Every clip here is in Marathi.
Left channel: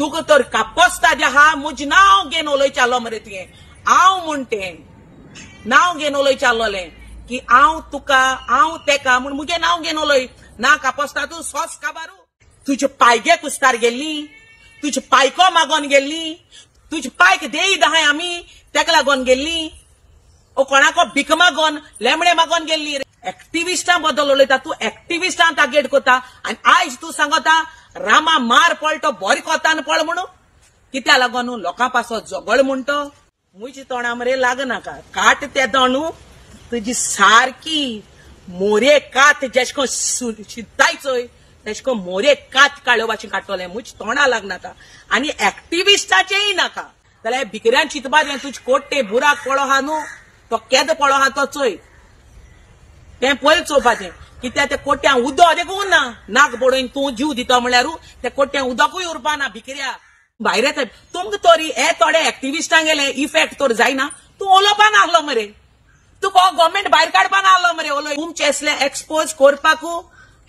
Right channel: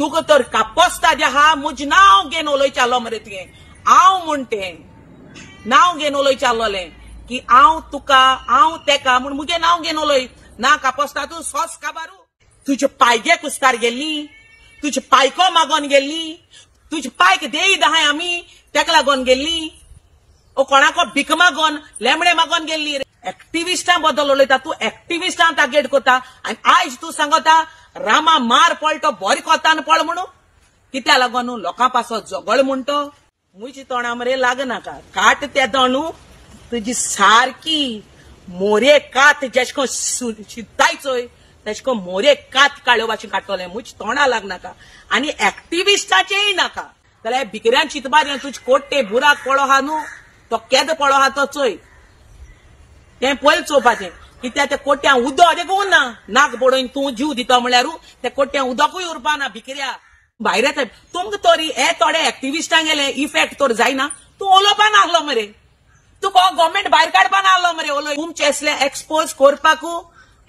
तुका तर कापस्ता जे हा मुज नाव घेन उलय चाललो मरे तुये हांव म्हणते नाव घेन उलय चाललोले की हांव तुका हांव तेका म्हण मुगे नाव घेन उलय ना कापस्ता तू सोस काबारू तुझे पायगे कुस्तार गेल्ली तुझे पायको मागोन गेल्ली तुझे पायक देई दहाय आमी तेका लागोन गेल्ली ओ कोणाको भिक मागोन लेमडे मागोन गेल्ली एक्टिविस्टां बद्दल उलयता तू एक्टिविस्टां टार्गेट कोता आनी आयज तू सांगता रामा मार पळटो बरें कोतान पळ म्हणू कित्या लागोन लोकां पासो झगड म्हणटो मुजी तोंडा मरे लागनाका काट ते तोंडू तुजी सारकी मोरे कात जेशको शितायचोय तेशको मोरे कात काडोवपाची काडटोले मुज तोंडा लागनाका आनी एक्टिविस्टाचेय नाका जाल्यार भिकऱ्यान चिंतपाक तुजे कोट्टे बुराक पळो हा न्हू तो केदो पळो हा तो चोय तें पयलीं चोवपाचें कित्याक त्या कोट्यांक उदक देखून ना नाक बडोवन तूं जीव दिता म्हळ्यार त्या कोट्यांक उदकूय उरपाना भिकऱ्या भायर येता तुमकां तरी हे थोडे एक्टिविस्टांक गेले इफेक्ट तर जायना तूं उलोवपाक नासलो मरे तुका गव्हर्मेंट भायर काडपाक नासलो मरे उलय तुमचे असले एक्सपोज करपाकू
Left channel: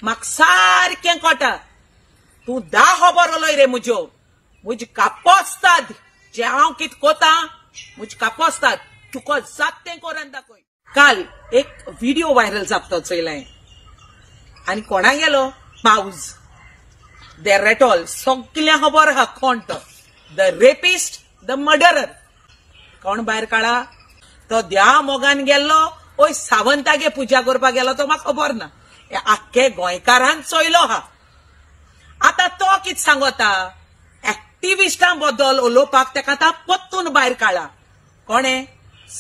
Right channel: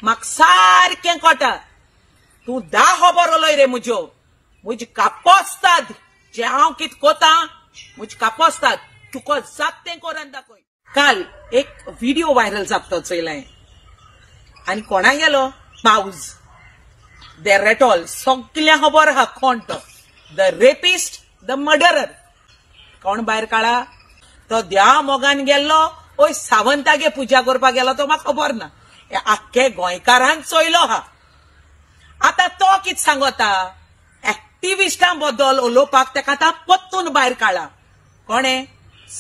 म्हाका सारकें कोटा तूं 10 खबर उलय रे म्हजी कापोस्ताद जे हांव कितें कोता म्हजी कापोस्ताद तुका जात तें करून दाखय काल एक व्हिडिओ व्हायरल जाता चोयलें आनी कोणा गेलो पावज द रेटॉल सगळ्या खबर आहा कोण तो द रेपिस्ट द मर्डरर कोण भायर काडा तो देवा मोगान गेल्लो ओय सावंतागे पुजा करपाक गेलो तो म्हाका खबर ना आख्खे गोंयकारान चोयलो हा आतां तो कितें सांगता एक्टिविस्टां बद्दल उलोवपाक तेका आतां पत्तून भायर काडला कोणे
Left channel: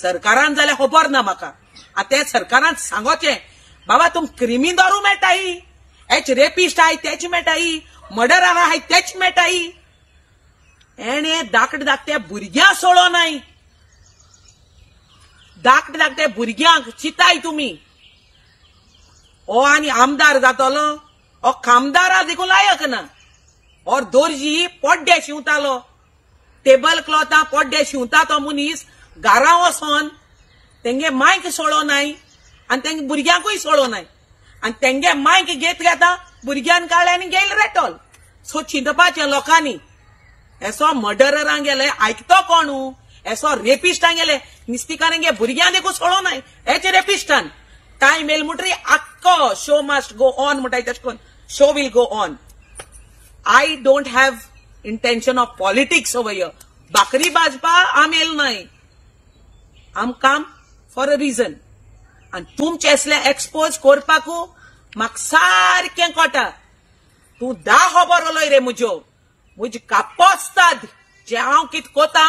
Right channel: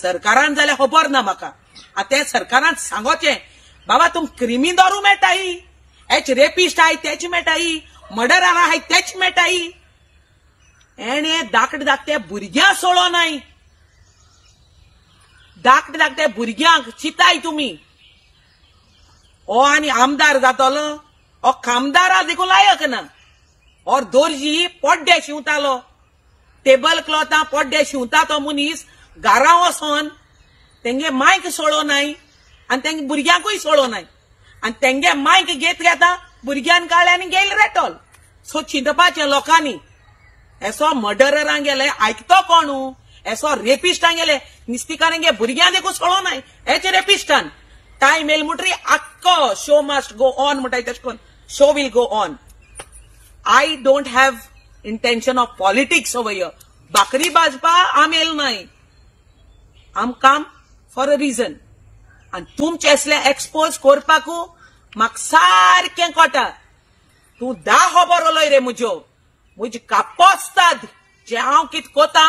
सरकारान जाल्यार खबर ना म्हाका आतां सरकारान सांगोचें बाबा तुम क्रिमी दारू मेळटाय हेच रेपिस्ट आहाय तेच मेळटाय मर्डरार आहाय तेच मेळटाय एणे धाकटे धाकटे भुरग्यांक सोडो नाय धाकटे धाकटे भुरग्यांक चिताय तुमी हो आनी आमदार जातलो हो खामदारा देखून लायक ना हो दोर्जी पोड्डे शिंवतालो टेबल क्लॉथां पोड्डे शिंवता तो मनीस घरा वचोन तेंगे मायक सोडो नाय आनी तेंगे भुरग्यांकूय सोडो नाय आनी तेंगे मायक घेत घेता भुरग्यान काडले आनी गेले रेटॉल सो चिंतपाचें लोकांनी एसो मर्डररांक गेले आयकतो कोण एसो रेपिस्टांक गेले निस्तिकारांगे भुरग्यां देखून सोडो नाय हेच रेपिस्टान टायम येल म्हणटरी आख्खो शो मस्ट गो ऑन म्हणटाय तशें करून show will go on I don't have intention of politics over here बाकरी भाजपा आमेल नाय आम काम फॉर अ रिजन आनी तुमचे असले एक्सपोज करपाकू म्हाका सारकें कोटा तूं 10 खबर उलय रे म्हजी कापोस्ताद जे हांव कितें कोता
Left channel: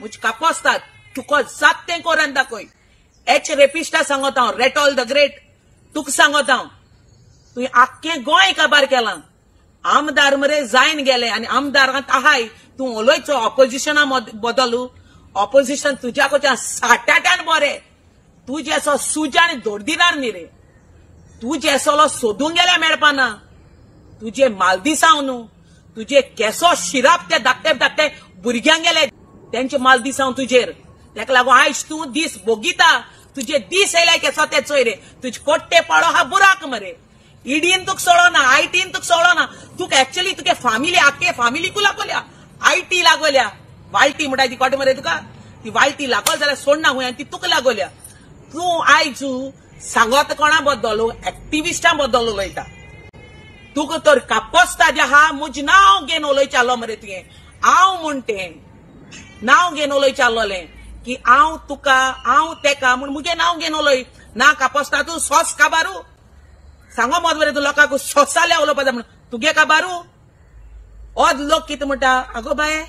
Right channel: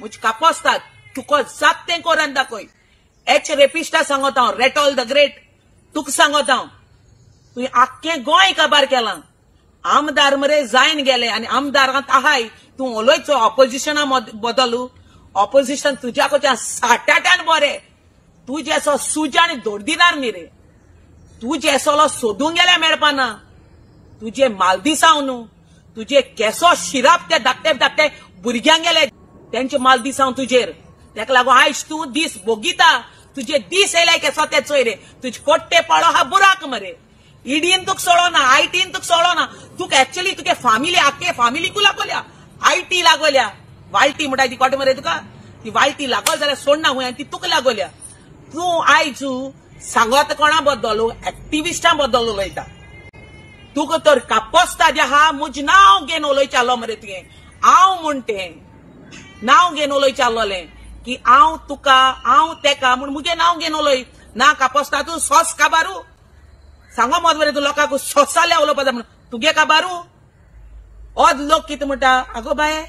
म्हजी कापोस्ताद तुका जात तें करून दाखय एच रेपिस्टा सांगता हांव रेटॉल द ग्रेट तुका सांगता हांव तुवें आख्खें गोंय काबार केलां आमदार मरे जायन गेले आनी आमदारांत आहाय तूं उलयचो ऑपोजिशना बदलू ऑपोजिशन तुज्या कडच्यान साठाटान बरें तू जेसो सुजा आनी दोरदीदार न्ही रे तू जेसोलो सोदूंक गेल्या मेळपाना तुजे मालदिसांव न्हू तुजे केसो शिराप ते धाकटे धाकटे भुरग्यांक गेले तेंचे मालदिसांव तुजेर तेका लागून आयज तूं दीस भोगिता तुजे दीस येयले केसो ते चोय रे तुजे कोट्टे पळो हा बुराक मरे ईडीन तुका सोडो ना आयटीन तुका सोडो ना तुका एक्चुअली तुगे फामिली आख्खे फामिलीकू लागोल्या आयटी लागोल्या वायटी म्हणटाय ती कोट मरे तुका ती वायटी लागोल जाल्यार सोडना हुंय आनी ती तुका लागोल्या तूं आयज सांगत कोणा बद्दल एक्टिविस्टां बद्दल उलयता तुका तर कापोस्ता जे हा मुज नाव घेन उलय चाललो मरे तुये हांव म्हणटे नाव घेन उलय चाललोले की हांव तुका हांव तेका म्हण मुगे नाव घेन उलय ना कापोस्ता तूं सोस काबारू सांगो मत मरे तूं लोकांक सोसाल्या उलोवपाचो म्हण तुगे काबारू हो लोक कितें म्हणटा आगो बाये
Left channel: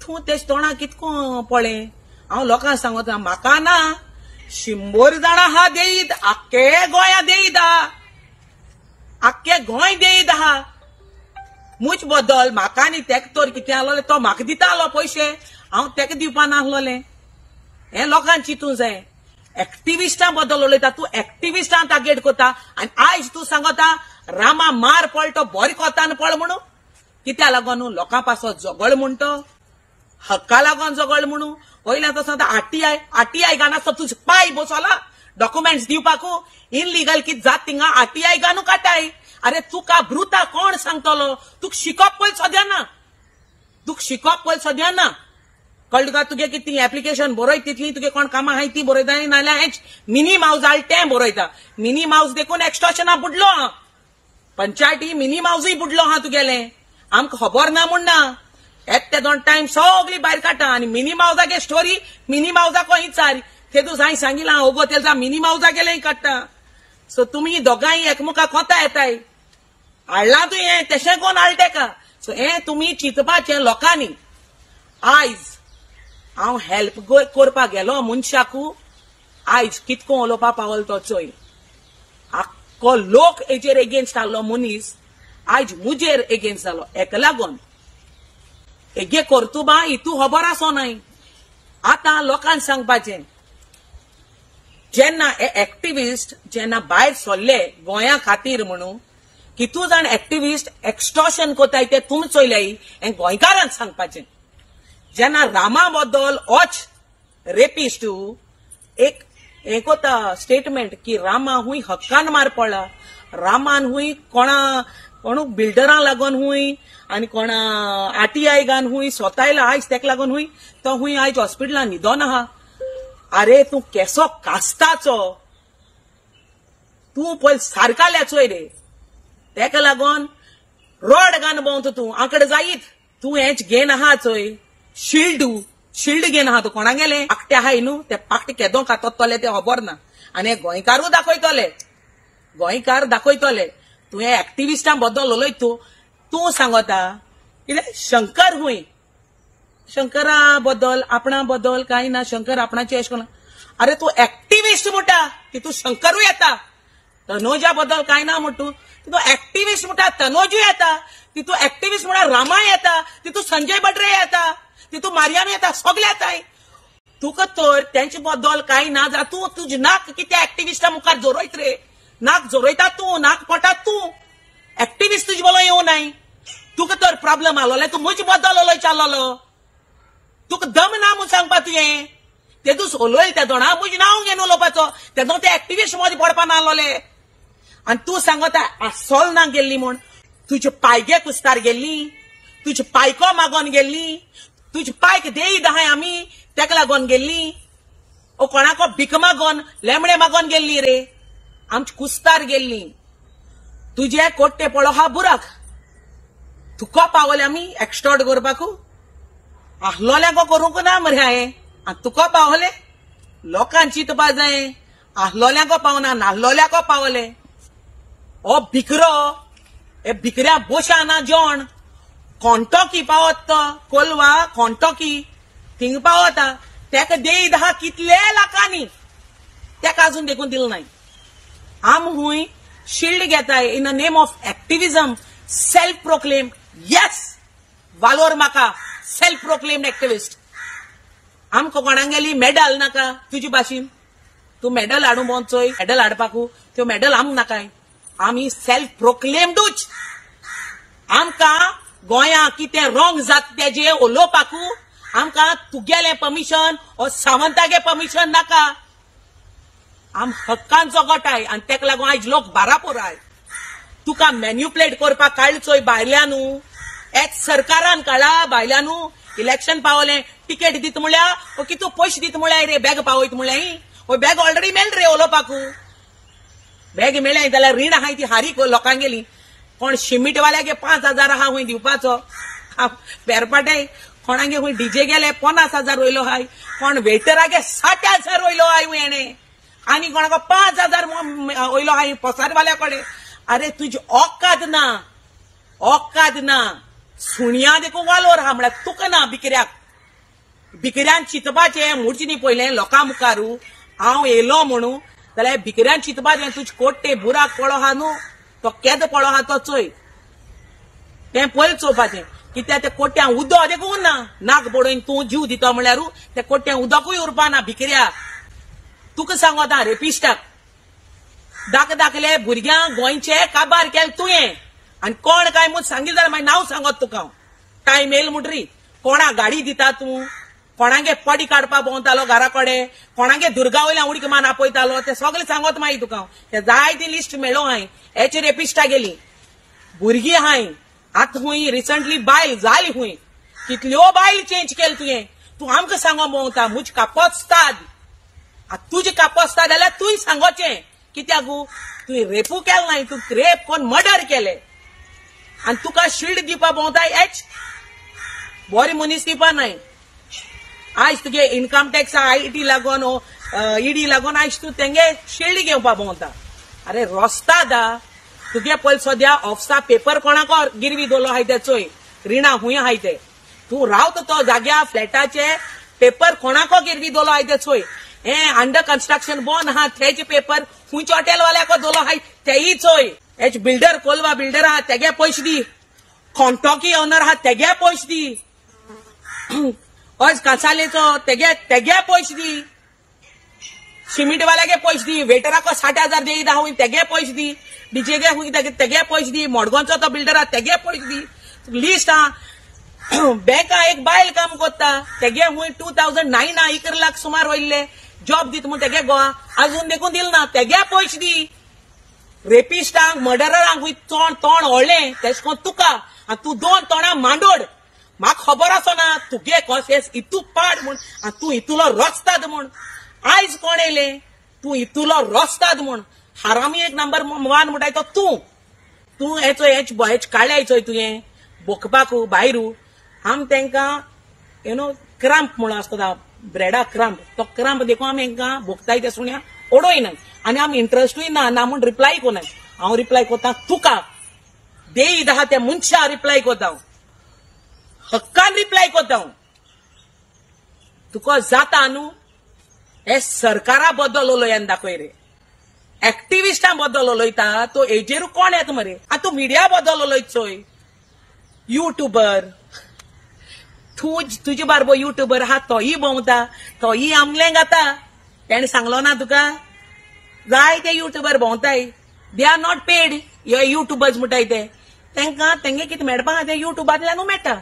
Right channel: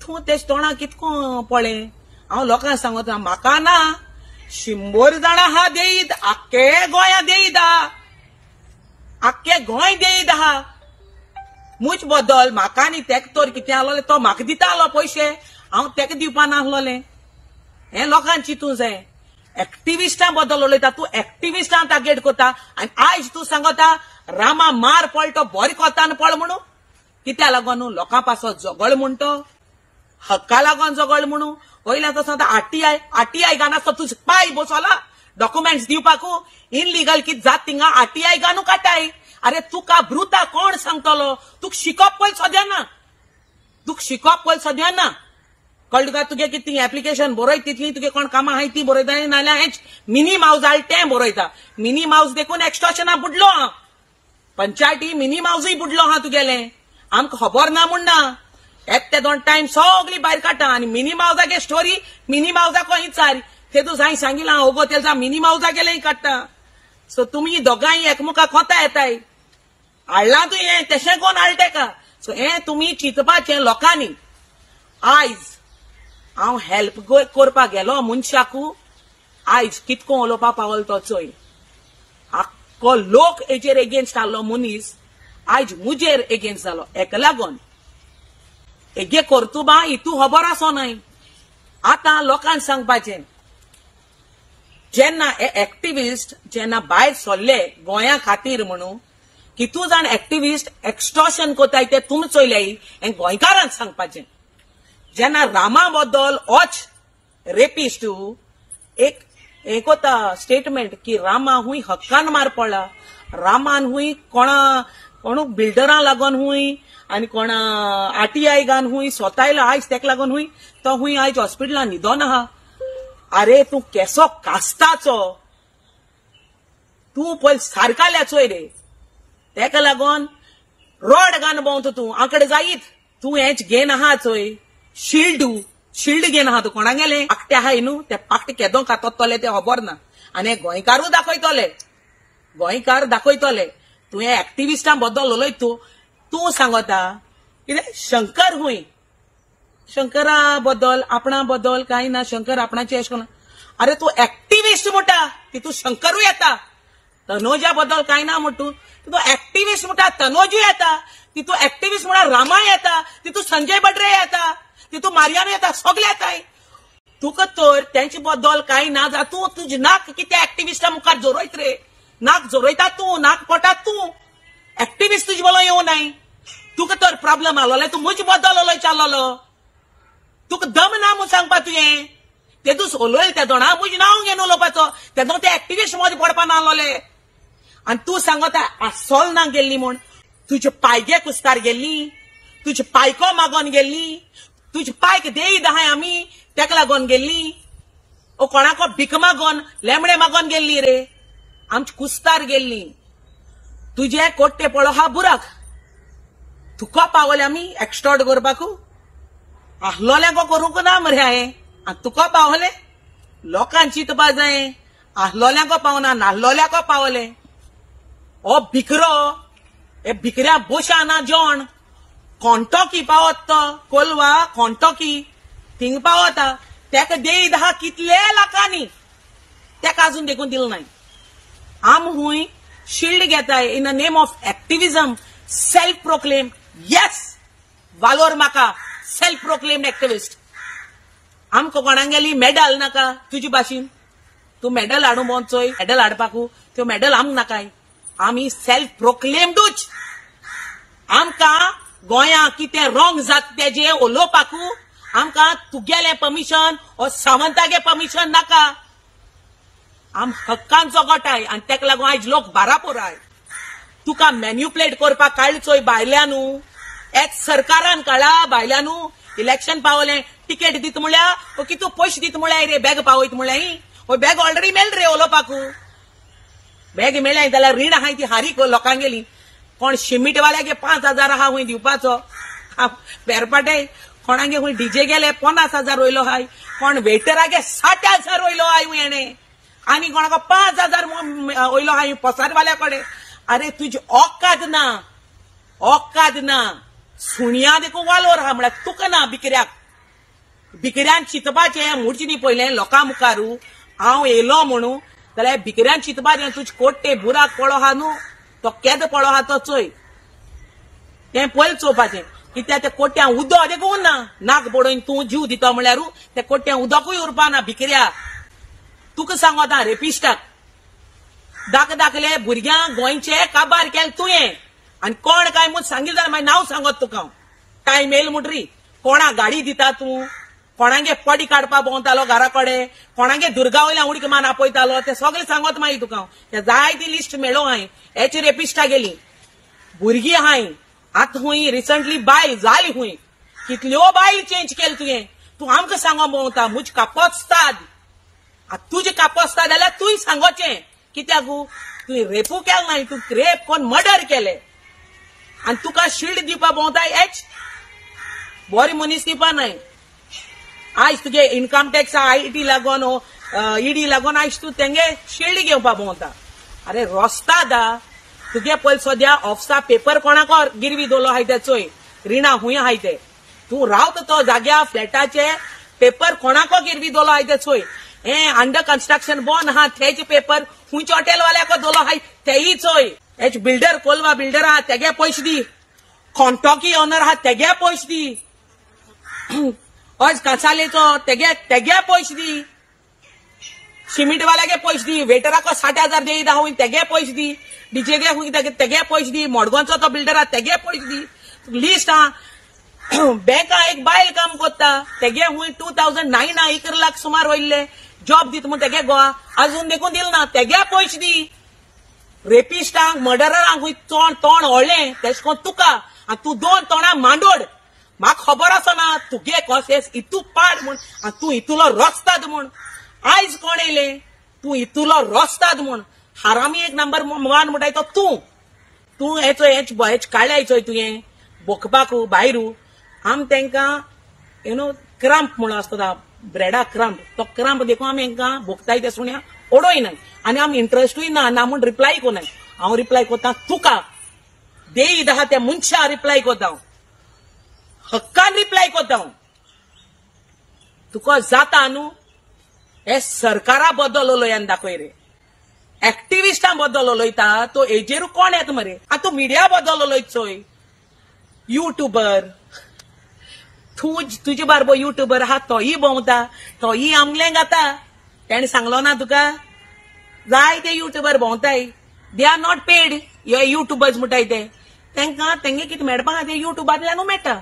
तूं तेच तोंडा कितको पळय हांव लोकांक सांगता म्हाका ना 100 जाणां हा देईत आख्खे गोंया देईत आख्खे गोंय देईत आहा मुज बद्दल म्हाका आनी तेका तर कितें आहलोले तो म्हाका दितालो पयशे हांव तेका दिवपा नासलोले हे लोकांक चिंतूं जाय एक्टिविस्टां बद्दल उलयता तूं एक्टिविस्टां टार्गेट कोता आनी आयज तूं सांगता रामा मार पळटो बरें कोतान पळ म्हणू कित्या लागोन लोकां पासो झगड म्हणटो हक्का लागोन झगड म्हणू वयल्या तो सांगता आरटीआय गानासो तुजो पाय बसोला डॉक्युमेंट्स दिवपाकू इनलिगल कितें जात थिंगा आरटीआय गानू काटाय अरे तुका ब्रुता कोण सांगतलो तुका शिकप पळय सद्या ना तुका शिकप पण सद्या ना कळ्ळें तुका तुगे कितें एप्लिकेशन बरयत तितली तुगे कोण कामां आहाय ती बरयता नाल्यार हेच मिनी माउस आल तें बरयता मिनी माउस देखून एक्सटॉर्शना बुडलो हा पंचायती मिनी माउसय बुडलो हा तुगेले आमकां खबर ना म्हण ना एक ते दोन टाइम सगळी भायर काडटा आनी मिनी माउसागे स्टोरी मिनी माउसाक विचार ते तू जाय सांगिला ओगो तेजा मिनी माउसा गेले काडटा सो तुमी दोगांय एकमुखाक कोता येताय हाडला तू हें तशें कोण हाडटा का सो हें तुमी चिंतपाचें लोकांनी आयज हांव हेल्प करपाक गेलो मनशाकू आयज कितको उलोवपा पावल तो चोय आख्खो लोक हेचेर एगेन्स्ट आहलो मनीस आयज मुजेर एगेन्स्ट जालो हेका लागून हेगे कर्तुबा हितू खबर आसो नाय आतां लोकांक सांगपाचें जेन्ना हे एक्टिविस्ट जेन्ना भायर सरले गोंया खातीर म्हणून कितू जाण एक्टिविस्ट एक्सटॉर्शन कोताय ते तुमी चोयले हें गोंयकारांक सांगपाचें जेन्ना रामा बद्दल होच रेपिस्ट एक हे कोता स्टेटमेंट की रामा हुंय हक्कान मार पडला रामान हुंय कोण बिल्डरां लागून हुंय आनी कोणा आरटीआय गान हुंय स्वतायला आयज तेका लागून हुंय तो हुंय आयज हॉस्पिटलान न्हिदोन आहा अरे तू केसो कास्ताचो तू पयल सारकाल्या चोय रे तेका लागून रोड गान भोंवता तू आंकडे जायत तू हेच घेन आहा चोय शिल्ड घेन आहा तू कोणा गेले पाकटे आहाय न्हू ते पाकटे केदो काततले ते खबर ना आनी गोंयकारू दाखयतले तू हे एक्टिविस्टां बद्दल उलयत तू सांगता कितें शंकर हुंय शंकरा बद्दल आपणा बद्दल कांय ना शंकर आपणाचे अशें करून अरे तू एक्टिविस्ट म्हणटा की तू शंकरूय येता तनोजा बद्दल कांय ना म्हणटू तू एक्टिविस्ट म्हणटा तनोजूय येता ती तू एक्टिविस्ट म्हणा रामाय येता ती तू संजय बड्रे येता ती तू मारियाम येता सगळे येताय तुका तर तेंचे बद्दल कांय ना जाल्यार तू तुजे नाक कितें एक्टिविस्टा मुखार जोरयत रे नाक जोरयता तू नाक पडटा तू एक्टिविस्ट तुजे बरोबर येवं नाय तुका तर प्रॉब्लेम आसलो तू म्हजे बद्दल उलय चाललो तुका दम ना म्हूण सांगपा तुवें तेदूच उलय त्या दोणा म्हजें नांव घेवन उलोवपाचो तेदून ते एक्टिविस्ट मदें पडपा ना आसलोले आनी तू सांगता सोल ना गेल्ली म्हूण तुजे पायगे कुस्तार गेल्ली तुजे पायको मागोन गेल्ली तुजे पायक देय दाहाय आमी तेका लागोन गेल्ली ओ कोणाको भिक मागोन लेमणे मागोन गेल्ली रे आमची कुस्तार गेल्ली तुजे कोट्टे पळो हा बुराक तुका पावले आमी एक्सटॉर्ट करपाकू आहलोले को करूंक ना मरे हांवें आनी तुका पावले लोकांक चिंतपा जाय आहलोल्याको पावना नाहलोल्याको पावले ओ भिकरो हे भिकऱ्या बोशा ना जेवण कोंटोकी पावत तो कोलवा कोंटोकी थिंग पावता तेका देय दहा कितले लाखांनी तेका अजून देखून दिल नाय आम हुंय शिल्ड घेताय in the name of activism self proclaim येस वालोर म्हाका सेल्फ प्रोक्लेम्ड एक्टिविस्ट आमकां कोणाक गेली मेडल नाका तुजी भाशेन तू मेडल हाडू बोंचोय मेडल हाडपाकू त्यो मेडल आमक नाकाय आमी सेल्फ प्रोक्लेम्डूच आमकां गोंया कितें रोग जाता तेजे उलोवपाकू आमकां तुगेले परमिशन ओ सावंतागे परमिशन नाका आम हक्कांचो गटाय आनी तेका लागून आयज लोक बारापोर आय तुका मॅन्युप्युलेट करपाक काडचोय भायल्यानू एक्स सरकारान काडा भायल्यानू इलेक्शन पावले टिकेट दित म्हळ्यार ओ कितू पयशे दित म्हळ्यार रे बॅग पावयत म्हळ्यार ओ बॅग ऑलरेडी मेळ रे उलोवपाकू बॅग मेळ्ळाय जाल्यार रीण आहाय ती हारीक लोकांक गेली कोण शिमीटवाल्यागे 5,000 आहा हुंय दिवपाचो फेरपाटे कोणागे हुंय डीजे गेले 50,000 वयलो हाय कोण वेटरागे 60,000 वयलो हाय हुंय हेणे आनी कोणाक 5,000 वयलो हाय पसारवाल्या कडेन अरे तुजी औकात ना सुणिया देखून वालोर आहा म्हळ्यार तुका ना भिकऱ्यान चिंतपाचें मुडची न्ही पयलें लोकां मुखारू हांव येयलो म्हणून जाल्यार भिकऱ्यान चिंतपाचें तुजे कोट्टे बुराक पळो आहा न्हू तो केदो पळो आहा तो चोय तें पयलीं चोवपाचें कित्याक त्या कोट्यांक उदक देखून ना नाक बडोवन तूं जीव दिता म्हळ्यार त्या कोट्यांक उदकूय उरपाना भिकऱ्याक तुका सांगता रेपिस्टाक दाखले भुरग्यांक गोंयचे काबार केले तुवें आनी कोण काय म्हूण सांगितलें जाल्यार मागीर नांव सांगत तुका हांव टायम येयल म्हणटरी कोणाक गाडी दिता तूं कोणागे पडी काडपा भोंवतालो घरा कडेन कोणागे दुर्गा वयल्यान उडीक मान आपयतालो ते सगळें सांगत मागीर तुका हांव ते जाय ती लिस्ट मेळो हांवें हेची रेपिस्टा गेली भुरगीं आहाय आतां हुंय रिसंटली बायल जाली हुंय कितल्यो बायल चेंज केल तुवें तूं आमकां सांगो मोवता मुज कापोस्ताद तुजें कापोस्ताद जाल्यार तुवें सांगोचें कित्याक तुवें रेपू केलें नाय तूं रेप कोण मर्डर केलें आनी तुका शिल्ड दिवपा भोंवता हेच बरी मनीस दिवपा न्हय आयज तुगे इन्कम टॅक्स आयटी लागून ईडी लागून आयज तूं तेंगे शिल्ड घेवपा भोंवता अरे रोस्ता दा तुगे पळय सद्या ऑफिसा पेपर कोणाको गिरवी दवरलो आहाय ते चोय रिणा खूंय आहाय ते तूं रावता तो जाग्या फ्लॅटाचे पेपर कोणाको गिरवी दवरलो आहाय ते चोय हे अंडर कन्स्ट्रक्शन बोन आहा तेचे पेपर खूंयचे हॉटेलवाल्याको दवरलो आहाय तेयी चोय हेच बिल्डर कोलवा बिल्डर आहा तेगे पयशे दी कॉन्टॉकी ऑनर आहा तेगे पयशे दी आज कासालेचो तेगे पयशे दी सिमेंटवाल्यागे पयशे दी वेटराको 60,000 देई दा हुई तेगे पयशे दी डीजेगे हुई तेगे पयशे दी मडगांवचो तो बिल्डर आहा तेगे पयशे दी लिस्ट आहा बँका एक बायल काम करता तेगे हुई 2009 1 लाख सुमार वयले जॉब दीत म्हण तेगे गोवा अजून देखून दिल ना तेगे पयशे दी रेपिस्टांक मर्डरांक हुई तोंड व्हडलें तेश कोन तुका आनी तूं 2 तोंडां मांडोड म्हाका खबर आसा ना तुगे कॉसेस इतू पाड म्हण आनी तूं इतुलो रोस्ताद म्हण आयज कोण येयले तूं इतुलो रोस्ताद म्हण हारामी एक नंबर 1 म्हणटाय तो तूं हेच काडल्या चोय तुवें बोकपाकू भायरू आम तेंकां क्रॅम्प म्हणून आसता ब्रेडा क्रॅम्प तो क्रॅम्प देखून आमी हांकां बोकताय ते सुण्या ओडोयनाय आनी आमी इंट्रस्टूय ना म्हूण रिप्लाय कोनाय हांव रिप्लाय कोत्ता तुका देईद आहा त्या मनशा रिप्लाय कोत्ता हक्कान रिप्लाय कोत्ता तुका जाता न्हू हे सरकारा बद्दल उलयन दाखय रे एक्टिविस्टा बद्दल उलयता तो हेजेर कोण येता मरे तूं मिडिया बद्दल उलयत चोय युट्यूबर तुजे बारबो युट्यूबर आहा तोही भोंवता तोही आमलें घाता तेणें सांगलो ना तुका जाय ते युट्यूबर भोंवताय दे आर नॉट पेड हे युट्यूबर्स म्हणटाय ते तेंकां तेंगे कितें मेळपा ते युट्यूबांतल्यानू मेळटा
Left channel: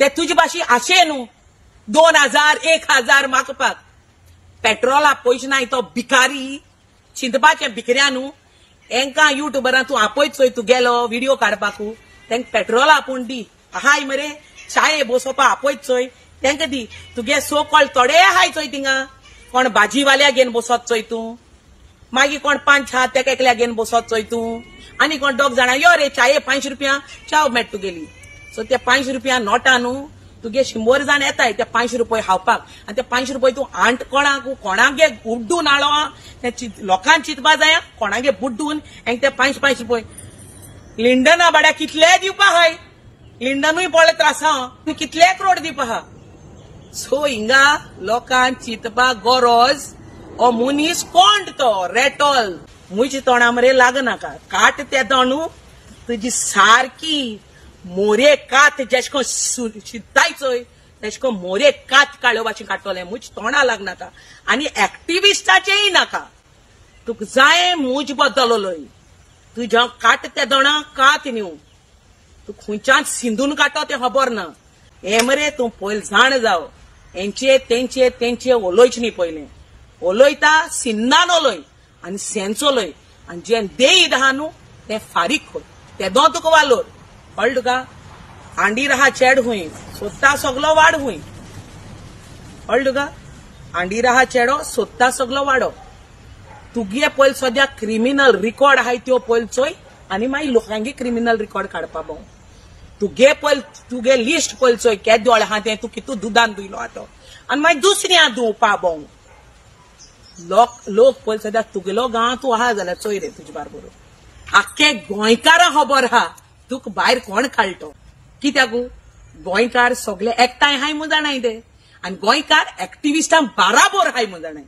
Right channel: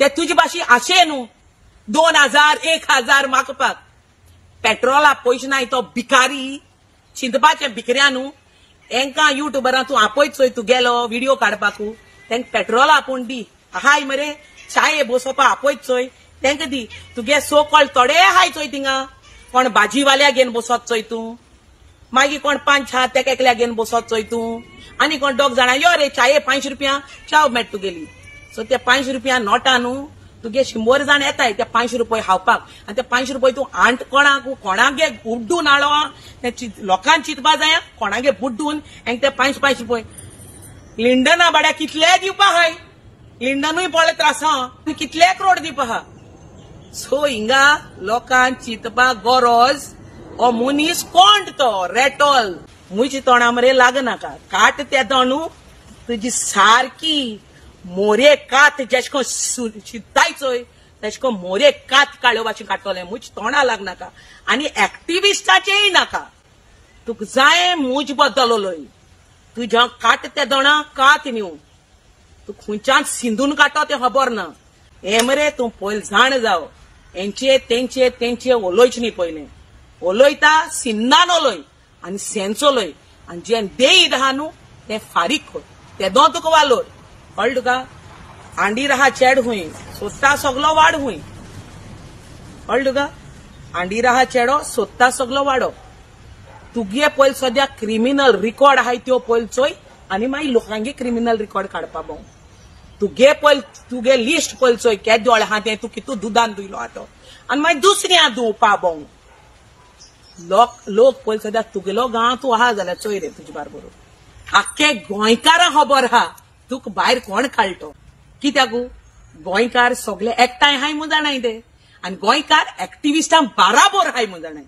ते तुजे भाशी आशे न्हू 2000 1000 मागपाक पेट्रोला पयशे नाय तो भिकारी चिंतपाचे भिकऱ्या न्हू तेंकां युट्यूबरां तूं आपयत चोय तूं गेलो व्हिडिओ काडपाकू तेंकां पेट्रोला आपूण दी हाय मरे चाये बसोवपा आपयत चोय तेंकां दी तुगे सो कॉल थोडे हाय चोय थिंगा कोण भाजीवाल्या घेवन बसत चोय तूं मागीर कोण 5 हात तेका एकल्या घेवन बसत चोय तूं आनी कोण 2 जाणां यो रे चाये 5 रुपया चाव मेट तुगेली सो ते 5 रुपया नोटा न्हू तुगे 100 जाण येताय ते 5 रुपया खावपाक आनी ते 5 रुपया तूं आंट कोणागे बुड्डून हाडो ते लोकांक चिंतपा जाय कोणागे बुड्डून आनी ते 5 रुपया लिंडना बाड्या कितले दिवपा हाय लिंडनूय पळय त्रास कितले करोड दिवपा हा सो हिंगा लोकांक चिंतपाक गरज ओ मनीस कोण तो रेटॉल मुजी तोंडा मरे लागनाका काट ते तोंडू तुजी सारकी मोरे कात जेशको शिताय चोय तेशको मोरे कात काडयो भाशेन काडटले मुज तोंडा लागनाका आनी एक्टिविस्टाचेय नाका तुका जाय मुज बद्दल उलय तुज्या काट ते दोणा कात न्यू तू खंयच्यान सिंधून काडटा ते खबर ना हे मरे तूं पयलीं जाण जाव हेंचे तेंचे उलोयचे न्ही पयलीं उलयता सिन्नान उलय आनी सेन्स उलय आनी जे देईद आहा न्हू ते फारीक कोर ते दो तुका वालोर कळ्ळें तुका आंडीर आहा चेड हुंय सोदता सगलो वाड हुंय कळ्ळें तुका आंडीर आहा चेडो सोदता सगलो वाडो तुगे पयलीं सद्या क्रिमिनल रिकॉर्ड आहाय त्यो पयलीं चोय आनी मागीर लोकांगे क्रिमिनल रिकॉर्ड काडपा भोंव तुगे लिस्ट पयलीं चोय केद दोळे आहा ते तूं कितू दुदान दिलो आहा तो आनी मागीर दुसऱ्या दिवपा भोंव लोक पयलीं सद्या तुगेलो गांव तूं आहा जाल्यार चोय रे तुजे बारबर आख्खे गोंयकारां खबर आहा तुका भायर कोण काडटो कित्याक गोंयकार सगळे एकठांय हाय म्हूण जाणाय ते आनी गोंयकार एक्टिविस्टां बाराबोर हाय म्हूण जाणाय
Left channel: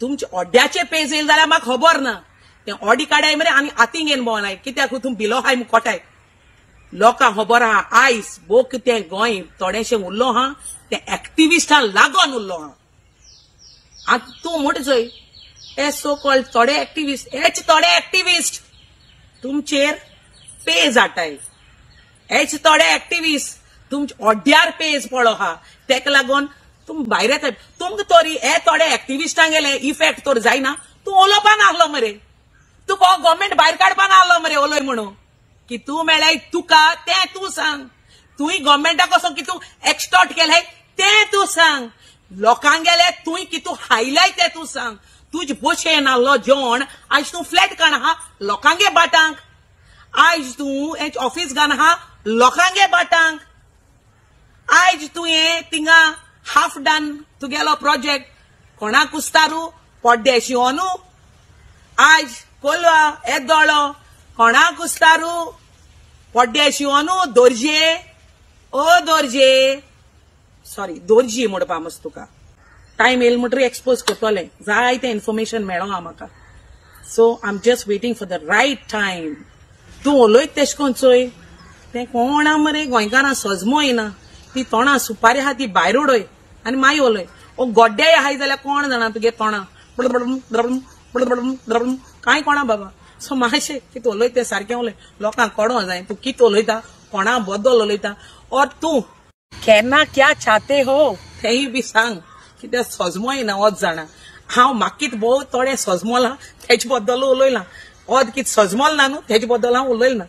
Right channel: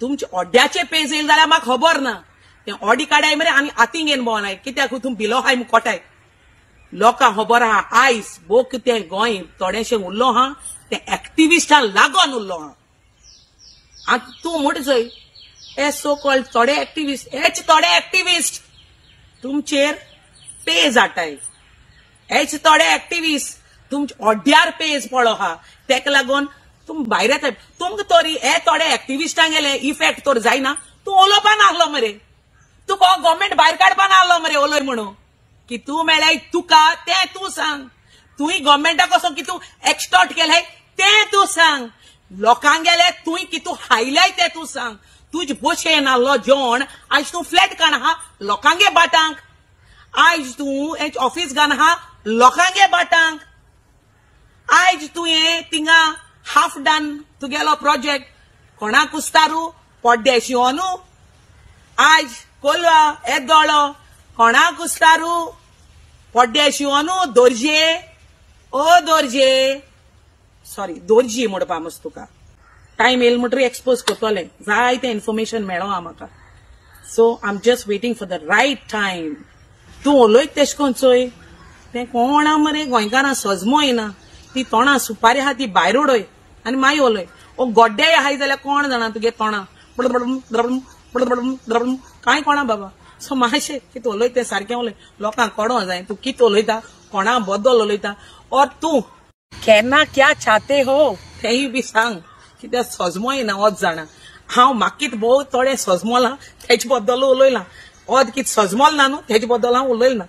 तुमचे ओड्याचे पेज येयले जाल्यार म्हाका खबर ना ते ऑडी काडाय मरे आनी हातीन घेवन भोंवनाय कित्याक तूं भिलो हाय म्हूण कोटाय लोकांक खबर आहा आयज बोक ते गोंय थोडेशें उरलो हा ते एक्टिविस्टां लागोन उरलो हा आतां तूं म्हूण चोय ते सो कॉल्ड थोडे एक्टिविस्ट तुमचेर पेज हाडटाय हेच थोडे एक्टिविस्ट तुमचे ओड्यार पेज पळो हा तेका लागून तुम भायर येता तुमकां तरी हे थोडे एक्टिविस्टांक गेले इफेक्ट तर जायना तूं उलोवपाक लागलो मरे तुका गव्हर्मेंट भायर काडपाक लागलो मरे उलय म्हणून की तूं मेळ्ळाय तुका तें तूं सांग तुई गव्हर्मेंटाक कसो कितू एक्सटॉर्ट केलंय ते तू सांग. लोकांक गेले तुई कितू हायलाय ते तू सांग. तुझ पोशेन आल्लो जेवण आज तू फ्लॅट काण हा लोकांगे बाटांक. आज तू एक ऑफिस घान हा लोकांगे बाटांक. आज तुवें थिंगा हाफ डन तुगेलो प्रोजेक्ट कोणाक कुस्तारू पड्डे शिवनू. आज कोलवा येदोळो कोणाक कुस्तारू पड्डे शिवनू. दोरजे ओ दोरजे सॉरी दोरजी म्हणपा मस्त तुका टाइम येल म्हणटरी एक्सपोज करतले जायते इन्फॉर्मेशन मेळ्ळो म्हाका. So I am just waiting for the right time. तूं उलयत तेश कोन चोय तें कोणा मरे गोंयकारां सजमोय ना. ती तोंडां सुपारी आहा ती भायर उडय आनी मागीर उलय. ओ गोड्डे आहाय जाल्यार कोण जाणा तुगे तोंडां कांय कोणा बाबा. सो मातशें कितें उलयत तें सारकें उलय. लोकांक कळो जाय तूं कितें उलयता कोणा बद्दल उलयता. और तूं केन्ना क्या चाहते हो तेय बी सांग. कित्याक सजमोय ना वच जाणा. हांव म्हाका कितें भोव थोडे सजमोला तेजे बद्दल उलयलां. वच कितें सजमोल ना न्हू तेजे बद्दल हांव उलयलां.